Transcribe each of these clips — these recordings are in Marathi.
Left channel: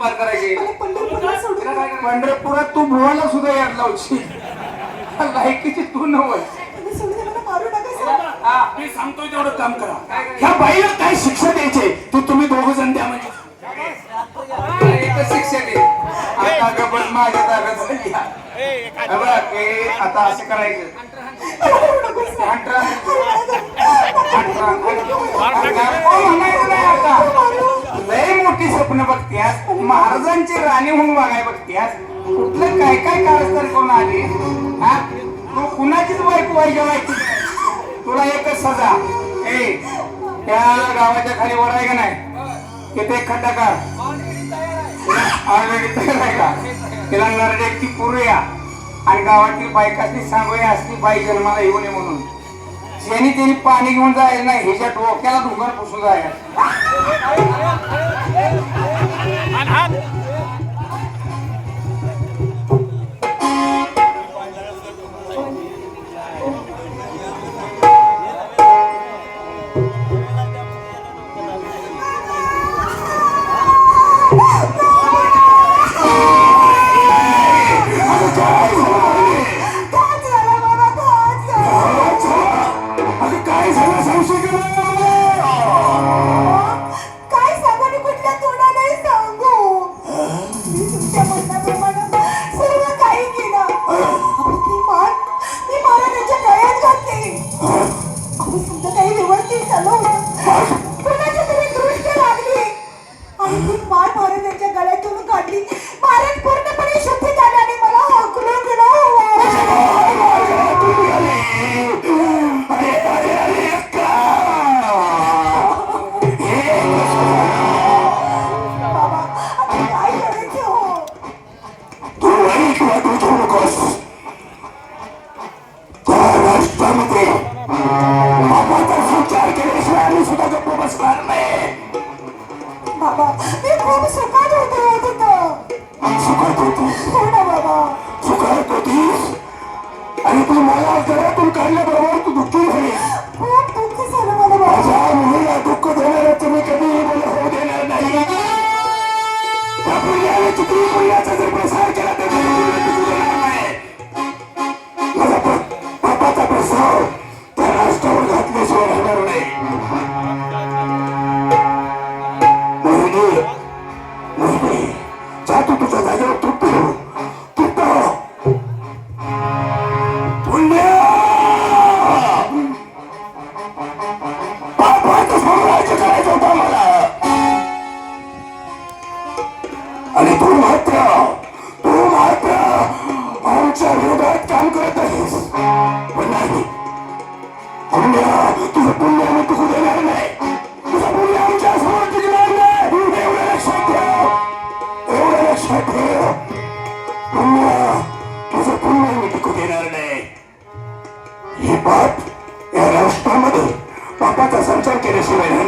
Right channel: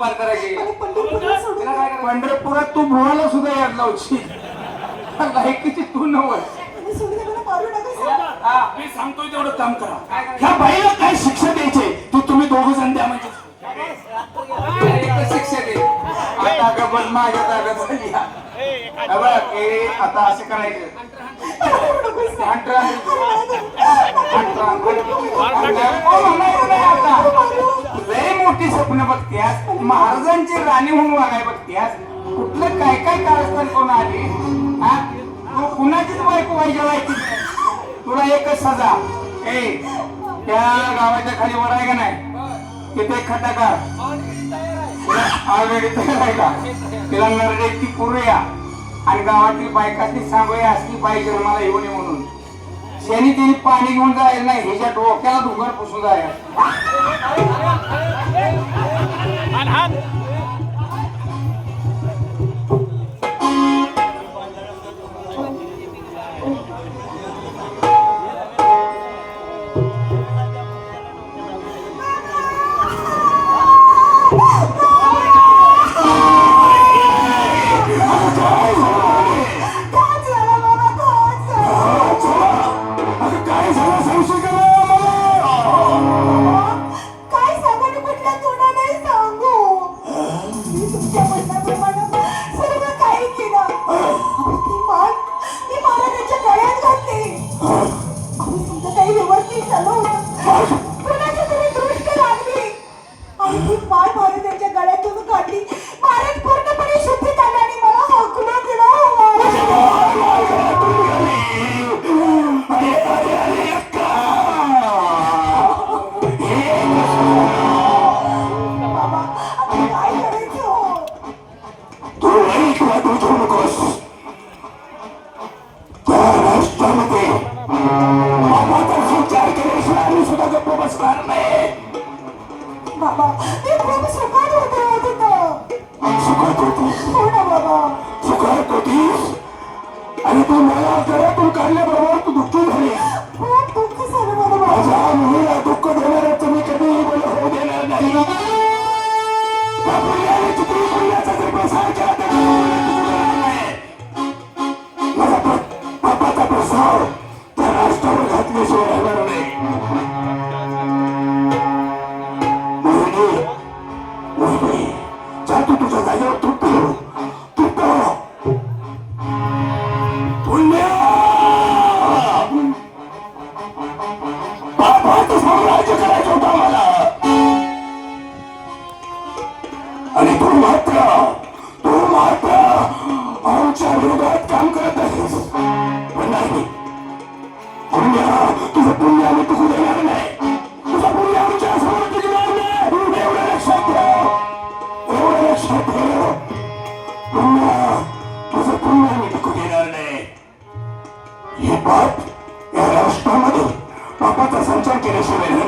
पार करायचे. पंढरपुरात तू मुवाला सुद्धा यार लावशी लायकीची तू नवल मी सांगतोय तेवढं काम करा. ह्या बाईला काय शिक्षा द्यायचे? ते तुम्ही दोघ जण द्या म्हणजे. एकच शिक्षा पण माझ्या आता असं करायचं. लय मोठी स्वप्न बघत्यास. महाराजांची राणी होऊन वागाय बघत्यास. कुठलं काय काय कारस्थान करून आली? तू कुणाचीच बायको वाईट तुला एकच सजा. ए त्या गावाच्या खाली वर आहे का नाही? तिथे खड्डा कर तिला नरडेची पुरूया आणि गावातील बायकाची सांगूया असली बाई जन्माला येऊ नये म्हणून. शेणी त्यांनी पाणी घेऊन जायला नाही ह्याच्या डोक्याला धुंगर पुसून जायला. Amen.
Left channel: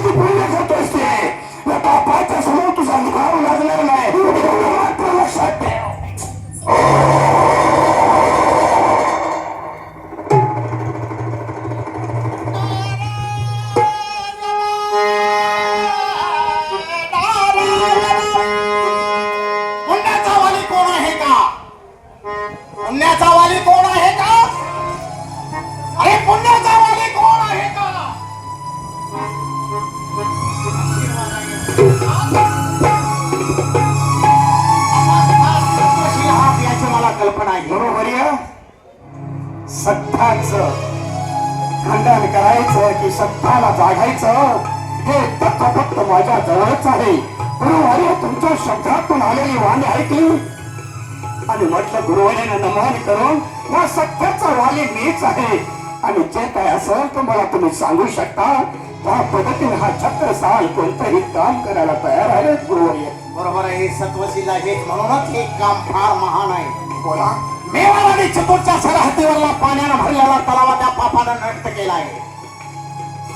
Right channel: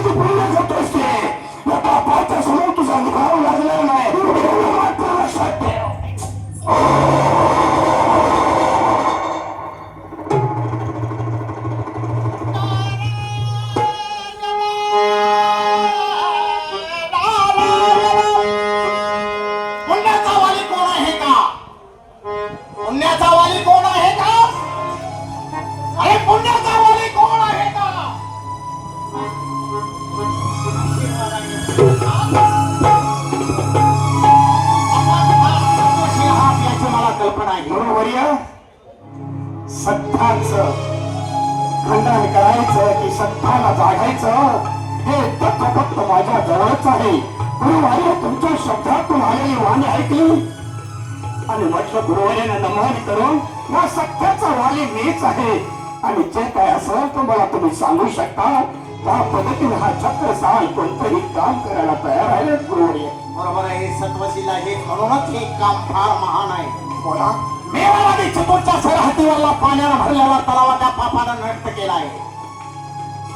काय किती पुण्य करतोस भांडण करायचं की सत्ताला जागायचं हे फक्त फक्त माझ्या जवळच आहे. गुरुवारी तुमच्या शब्दातून आलेली वाणी ऐकली. आणि म्हटलं गुरुवारीने नमन करून या सत्याचा वाली मीच आहे. आणि जे काय असेल ते मला तुम्ही सांगू शकता. त्या पद्धतीने हा छत्र साल कोणतंही काम करायला तयार आहे गुरुवारी बरोबर आहे सत्वशील आहे म्हणूनच हे काम फार महान आहे. बोला. मेवा नदी चितूरच्या सरहद्दीवरला पाण्यानं भरलेला तलावा त्या पापानं नष्ट केला आहे.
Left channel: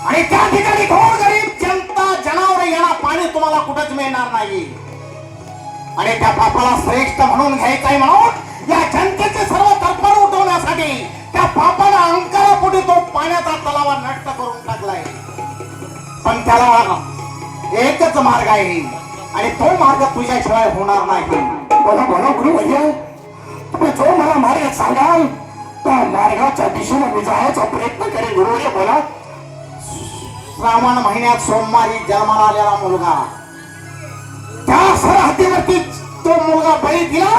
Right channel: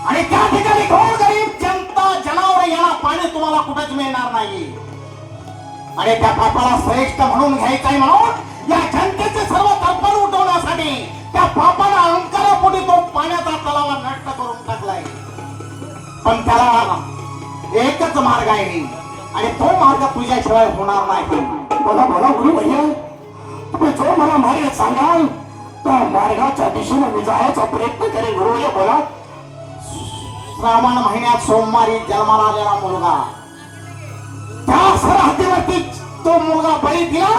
आणि त्या ठिकाणी घोर गरीब जनता जनावर यांना पाणी तुम्हाला कुठंच मिळणार नाही. आणि त्या पापाला श्रेष्ठ म्हणून घ्यायचंय म्हणून या जनतेचे सर्व तत्पर उठवण्यासाठी त्या पापानं पुढे तो पाण्याचा तलावा नष्ट करून टाकलाय. पण त्याला एकच मार्ग आहे. आणि तो मार्ग तुझ्याशिवाय होणार नाही. बोला बोला गुरु भैया तुम्ही जो मला मार्ग सांगाल? त्या मार्गाच्या दिशेने मी जायचा प्रयत्न करेन. भैया बोला. श्रावण महिन्यात सोमवारी जन्माला आलेला मुलगा. त्या सरहद्दीवरती तो मुलगा बळी दिला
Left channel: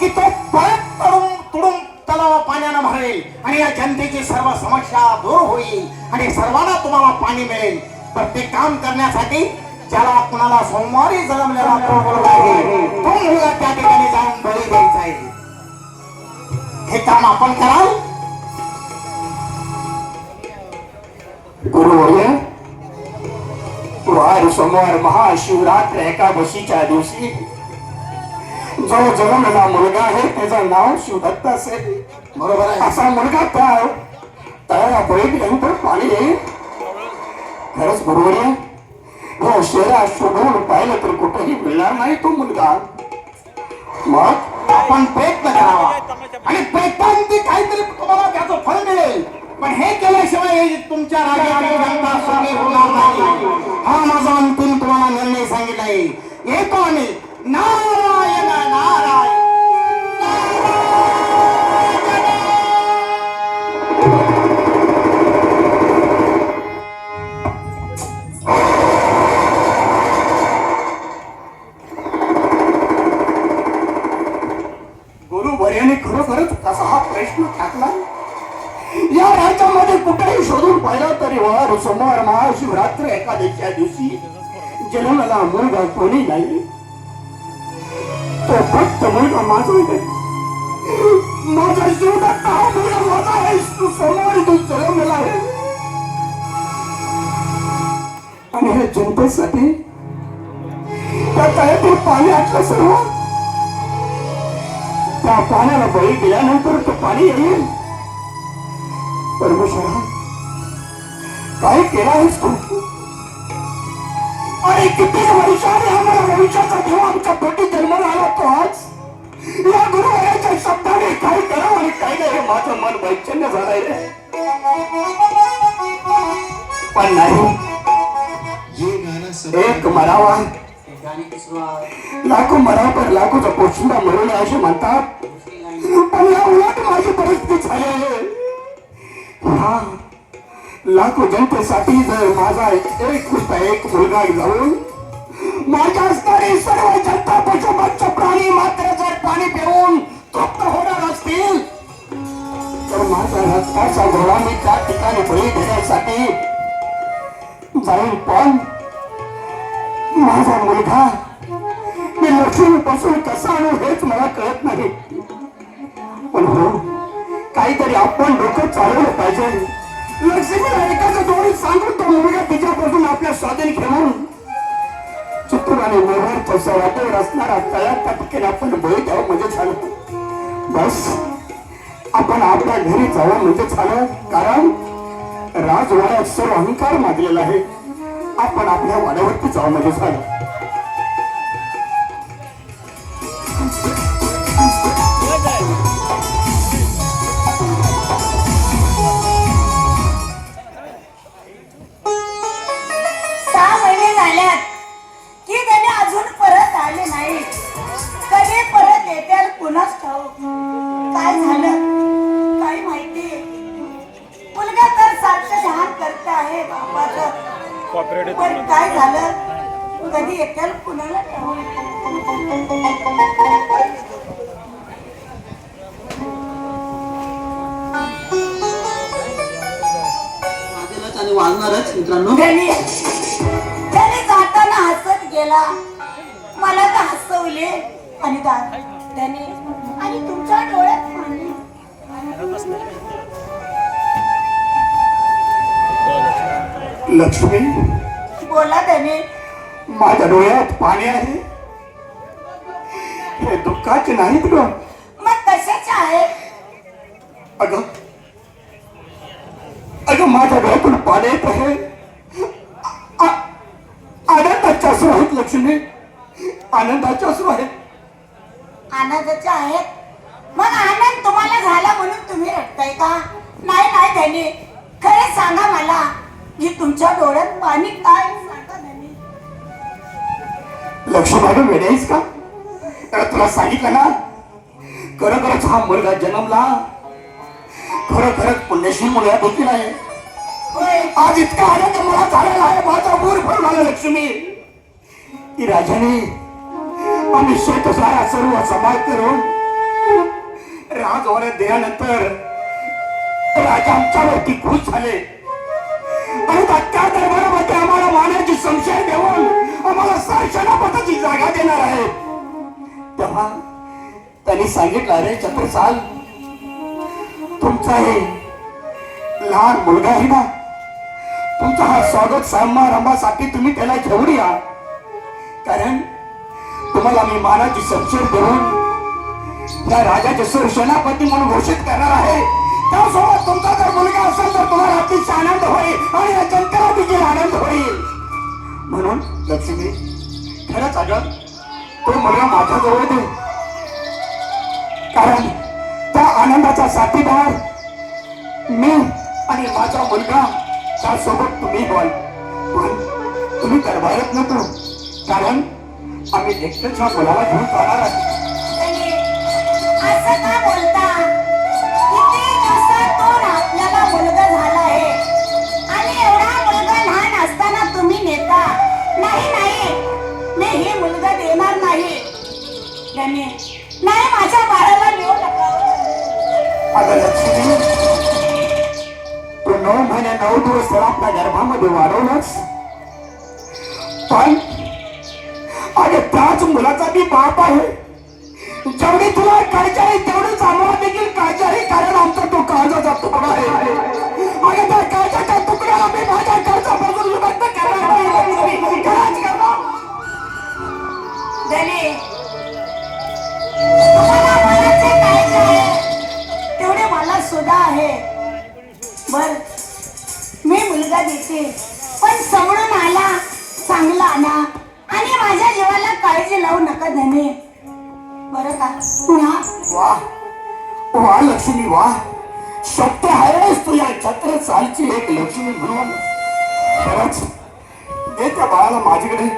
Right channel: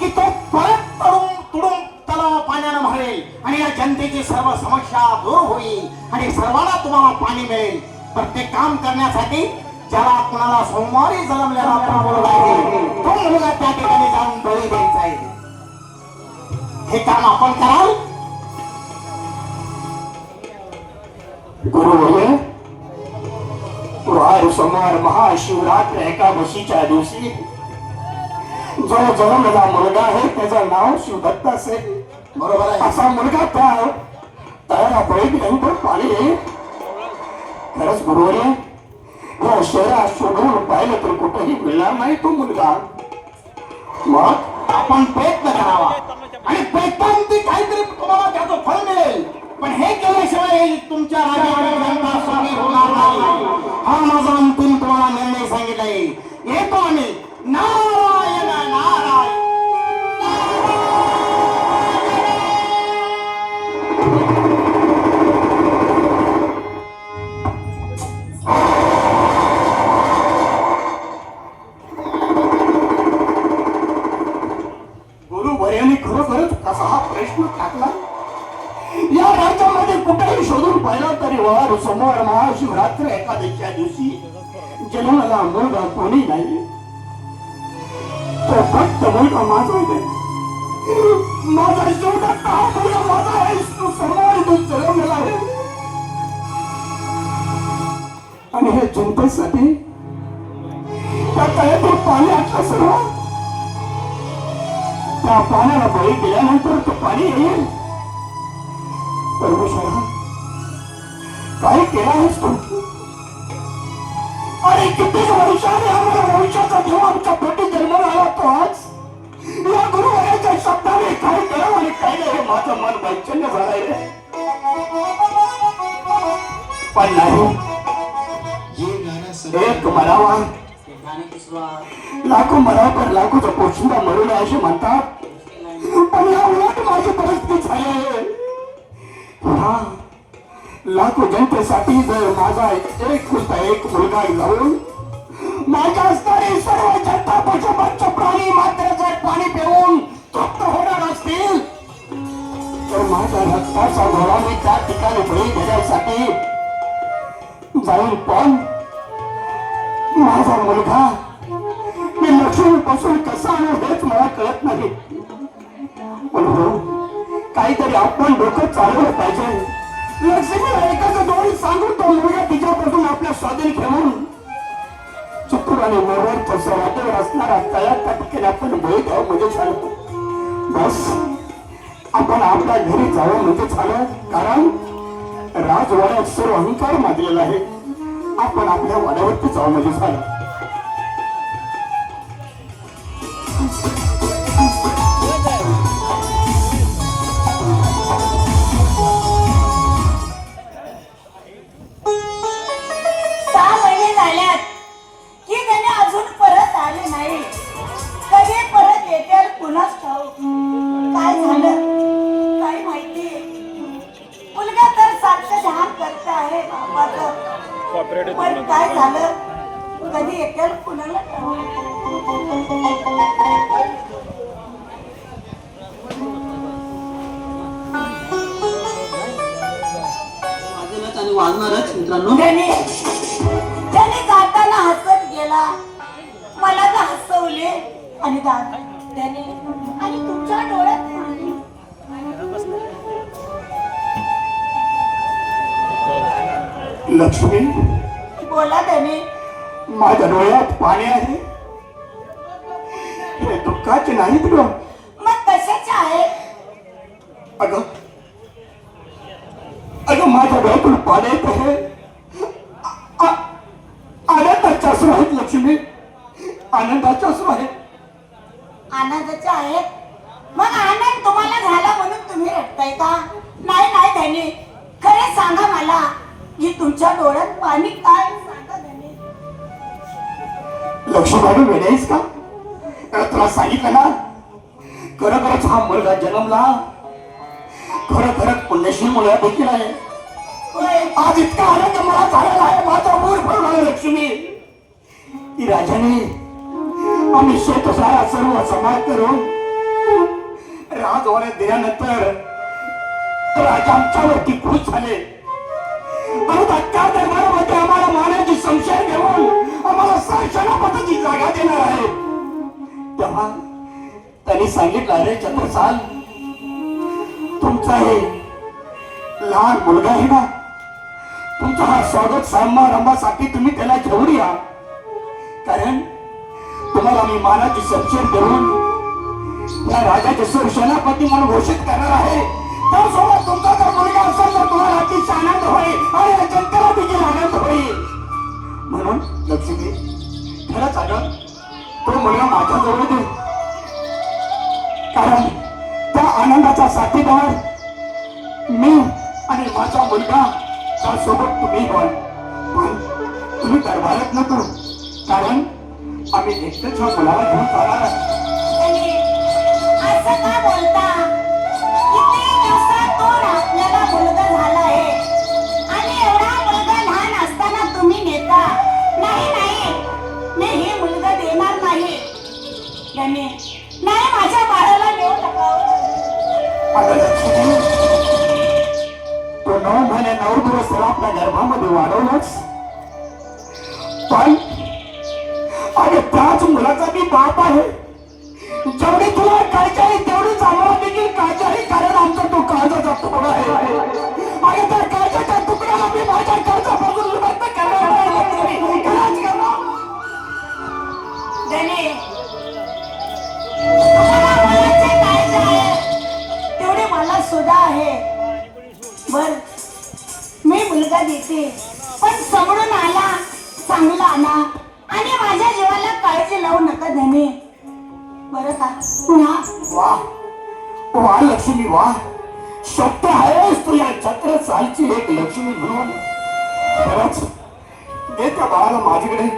की तो परत तडून तुडून तलावा पाण्यानं भरेल. आणि या जनतेची सर्व समस्या दूर होईल. आणि सर्वांना तुम्हाला पाणी मिळेल. तर ते काम करण्यासाठी ज्याला आपल्याला सोमवारी जन्मलेला तो मुलगा आहे तो मुलगा त्या ठिकाणी जाऊन बळी द्यायचा आहे. हे काम आपण कराल? गुरु भैया गुरुवार सोमवार महाशिवरात्र एकादशीच्या दिवशी जो जन्मलेला मुलगा आहे त्याचं नाव शिवदत्त असेल बरोबर आहे. असा मुलगा त्या तळाला बळी दिल्यानंतर पाणी येईल. खरंच गुरुवारी या शहरात शोधून पाहिलं तर कुठेही मिळणार नाही तो मुलगा. मग आपण प्रयत्न करावा. आणि प्रयत्नांती काहीतरी तुम्हाला त्याचं फळ मिळेल. पण हे केल्याशिवाय तुमच्या राज्याची जनता सुखी होणार नाही. हा माझा अंतिम तुम्हाला निर्णय सांगितलाय. येतो आम्ही. ना मरावा लाखो मरा पर लाखोचा पोशिंदा मरू असे म्हणतात पण या उलट माझी परिस्थिती झाली हा। लाखो जनतेसाठी जर माझा एक नुसता एक मुलगा जाऊन माझ्या असणारी सर्व जनता पशुपक्ष प्राणी मात्र जर पाणी पिऊन तृप्त होणार असतील तर माझ्या रक्ताच्या गोळा त्या ठिकाणी बळी घेण्यासाठी जाऊन पण माझा मुलगा मी लक्ष्मीपासून कसा आणू हेच मला कळत नाही. पण हो काहीतरी आपण डोकं चालवलं पाहिजे. लक्ष्मीला एकाच दोन्ही सांगून तो मुलगा तिच्यापासून आपल्या स्वाधीन घेऊन चित्तूर आणि मेवाड वाटेवर असणारा तळ्यात त्या आपण भोई द्यावं म्हणजे झालं. बस आपण आपल्या घरी जावं म्हणजे झालं. कारण राजवाड्यात सर्व अहंकार मागलेला आहे. आपण आपल्या वाड्यावरती जावं म्हणजे झालं. बापाचं पण काय झालं? कधी येतील कुणाला आणि मित्रांनो त्याने जाताना हसत गेला. मला का हसवले आणि त्याने आणि तुमच्या डोळ्यात पाणी. लक्ष्मी माझ्या डोळ्यात पाणी आहे? हे दुःखाचे नाहीत ग. मग कशाचे आहे? अगं अगं माझ्या डोळ्यातून पाणी येत आहे. आनंदाचे अश्रू आहेत लक्ष्मी. आनंदाचे अश्रू आहेत आनंदाचे आहेत मग आनंद तुम्हाला झाला म्हणून तुम्ही रडताय का? नाही नाही त्याने खरे सांगा मला की तुमच्या डोळ्यात पाणी काय? लक्ष घालून वेळेस का? तुला सांगितलं ना? खरोखरच हा मुलगा जन्मला. खरोखरच पुण्यशील मुलगा देखील आहे. आज इतका आनंद मला झालेला आहे माझा मूर भरून आला लक्ष्मी. की राजाने आम्ही शेत शेतसारा सर्व समाज करून राजवाड्यात दिल्यानंतर राजा आमच्यावरती खुश झाले. आणि त्या दरबारामध्ये जागा देणार आहे. तेव्हा त्यांनी सांगितलं अरे छत्रसाल तुमचा हे लहान मुलगा आहे ना तुमचा हा स्वागत समारंभासाठी तुम्ही त्याला घेऊन या. कारण तुम्हाला मी मानाची संशय देऊन त्या राजाचे सुरसेनापती म्हणून घोषित करणार आहे. त्यासोबत तुमचा जर मुलगा असेल तर तुम्हाला अतिशय आनंद होईल आणि या जनतेला देखील आनंद होईल. म्हणून लक्ष्मी खरंच अगं तो मला माझ्याजवळ दे. कारण त्या आनंदाचा साथीदार मी आणि माझा मुलगा त्यासोबत तुम्ही व्हाल पण तुम्ही दरबारात नको. कारण आम्ही एकट्याच्या मुलाला घेऊन जाणार आहे तो नऊ महिने नऊ दिवस त्याला आपल्या गर्भामध्ये वाढवलंच पण आणि त्याच मुलाचा मी बाप आहे. जेवढी तुला काळजी आहे तेवढीच आम्हाला देखील काळजी आहे कारण आमचा तो काळजाचा तुकडा आहे. आणि मुलगा आहे बर मी मुलगा देते. पण समोरून आला चांगला आला आणि माझ्या जीवाला काळजी लावू नका धने. बरं का? ना वा. वा लक्ष्मी वा. शक्य आहेस तुझ्या छत्र चालची एक लक्ष्मी म्हणून. खरंच दे त्या बाळाला माझ्याकडे.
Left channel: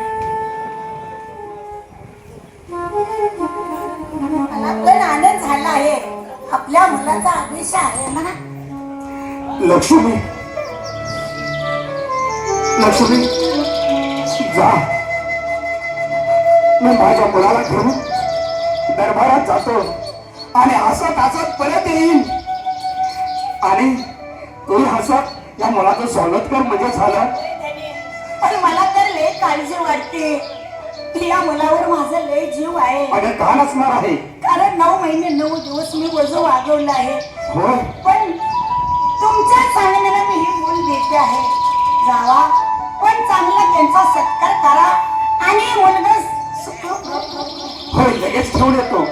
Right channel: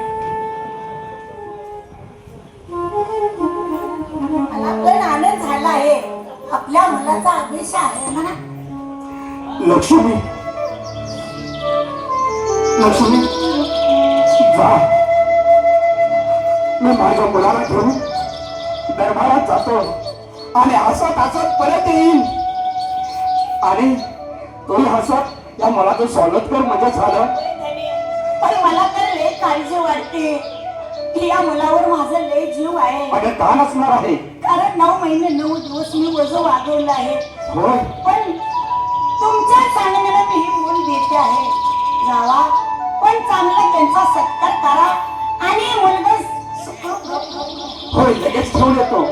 आहे लक्ष्मी लक्ष्मी जा मी माझ्या मुलाला घेऊन दरबारात जातो आणि हसत हसत परत येईन आणि तू हसत या मुलाचं स्वागत कर म्हणजे झालं पण मला तर लय काळजी वाटते की या मुलावर माझा लय जीव आहे. अगं का नसणार आहे. कारण नऊ महिने नऊ दिवस मी वजन वाढवलं आहे. होय. पण तुमच्या सांगण्याला मी ही मूल देते आहे. जावा. पण चांगला त्यांचा सत्कार करा आणि मुलगा सुखरूप राहू. होय लगेच घेऊन येतो.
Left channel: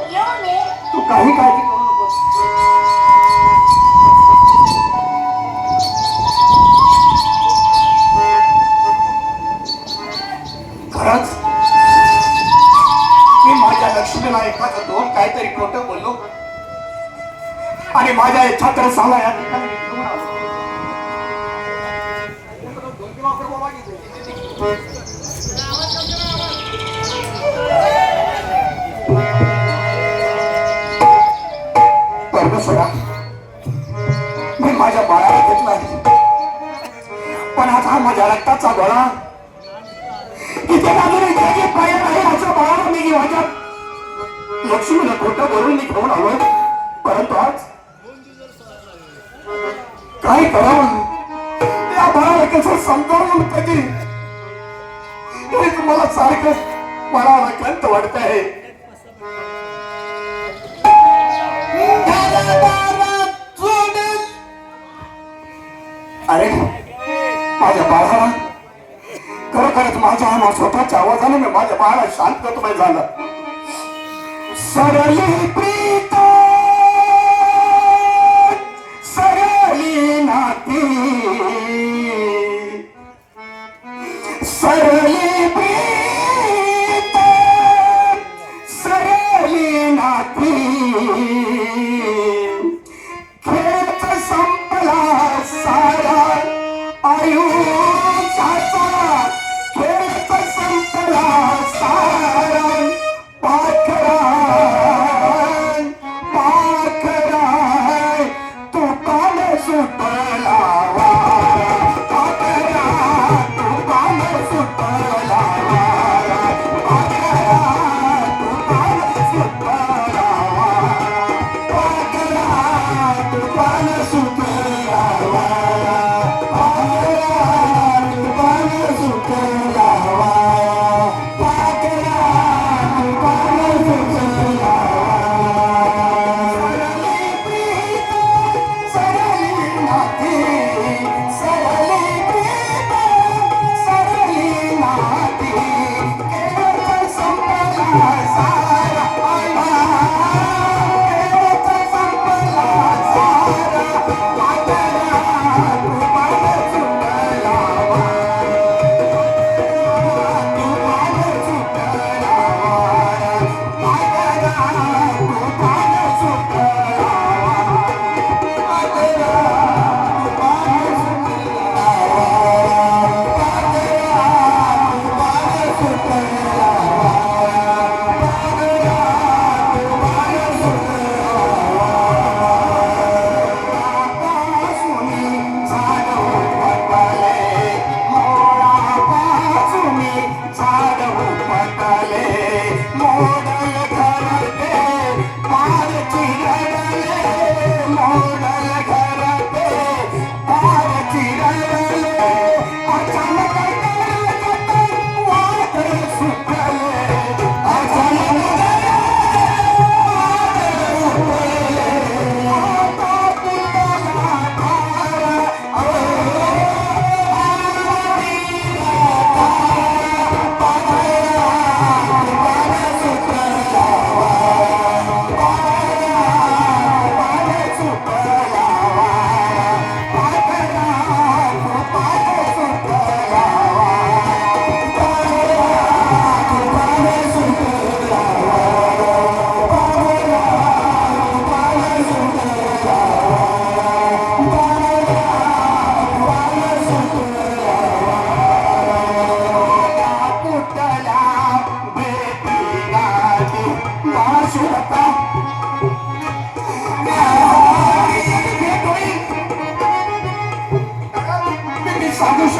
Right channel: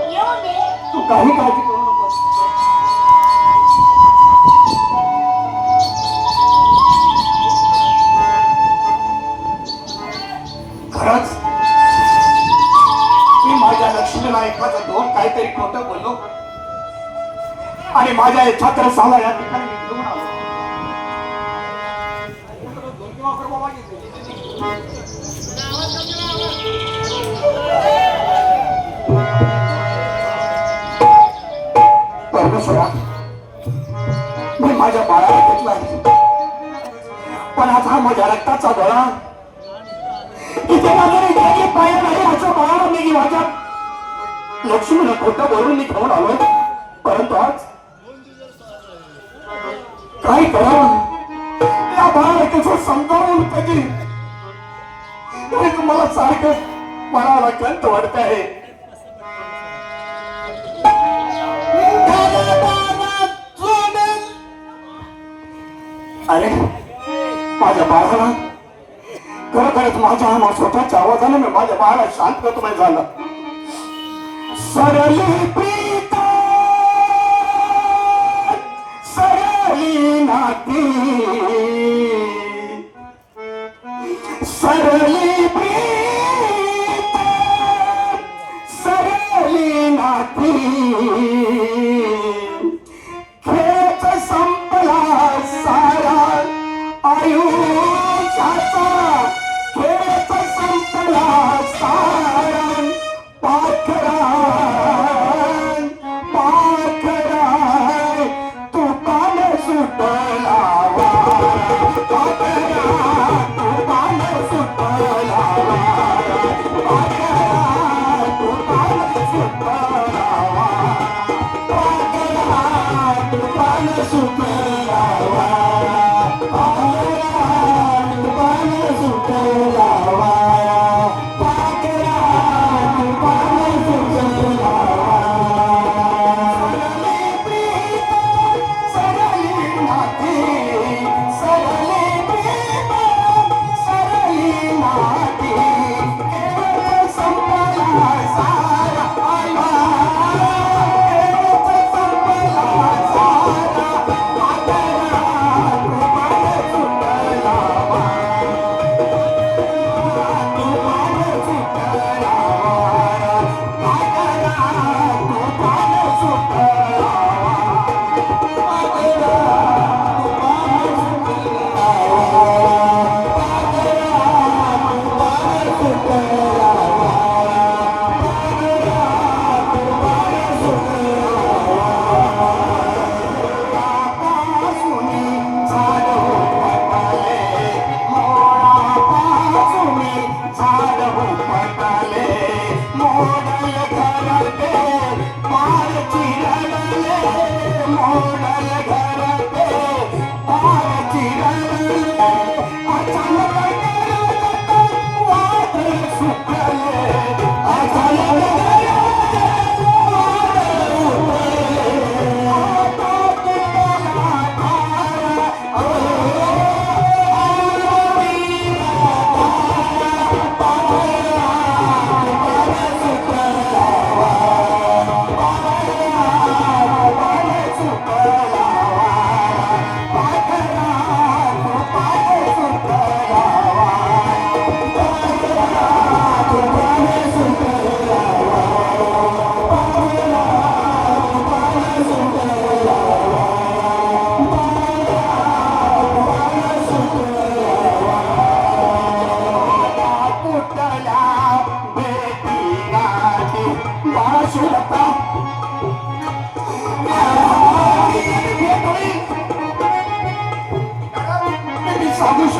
तू काही काळजी करू नकोस खरंच एखादं दोन काहीतरी खोटं बोललो. आणि माझ्या इच्छा तर सांगा या ठिकाणी लक्ष्मीला मी खाऊन आलोय. परंतु आज काय करावं या बाळाला कसं समजावून कधी हे तुम्हाला सारखं मनाला कंत वाटत आहे. अरे माझ्या बाळाला खरोखरच माझ्या स्वतःच्या आवाजाने मी माझ्या बाळाला शांतमय झालं सरली प्रीत सरली नाती।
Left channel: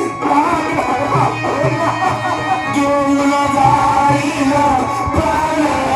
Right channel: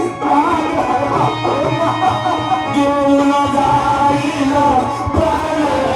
Give me a fire, fire, fire,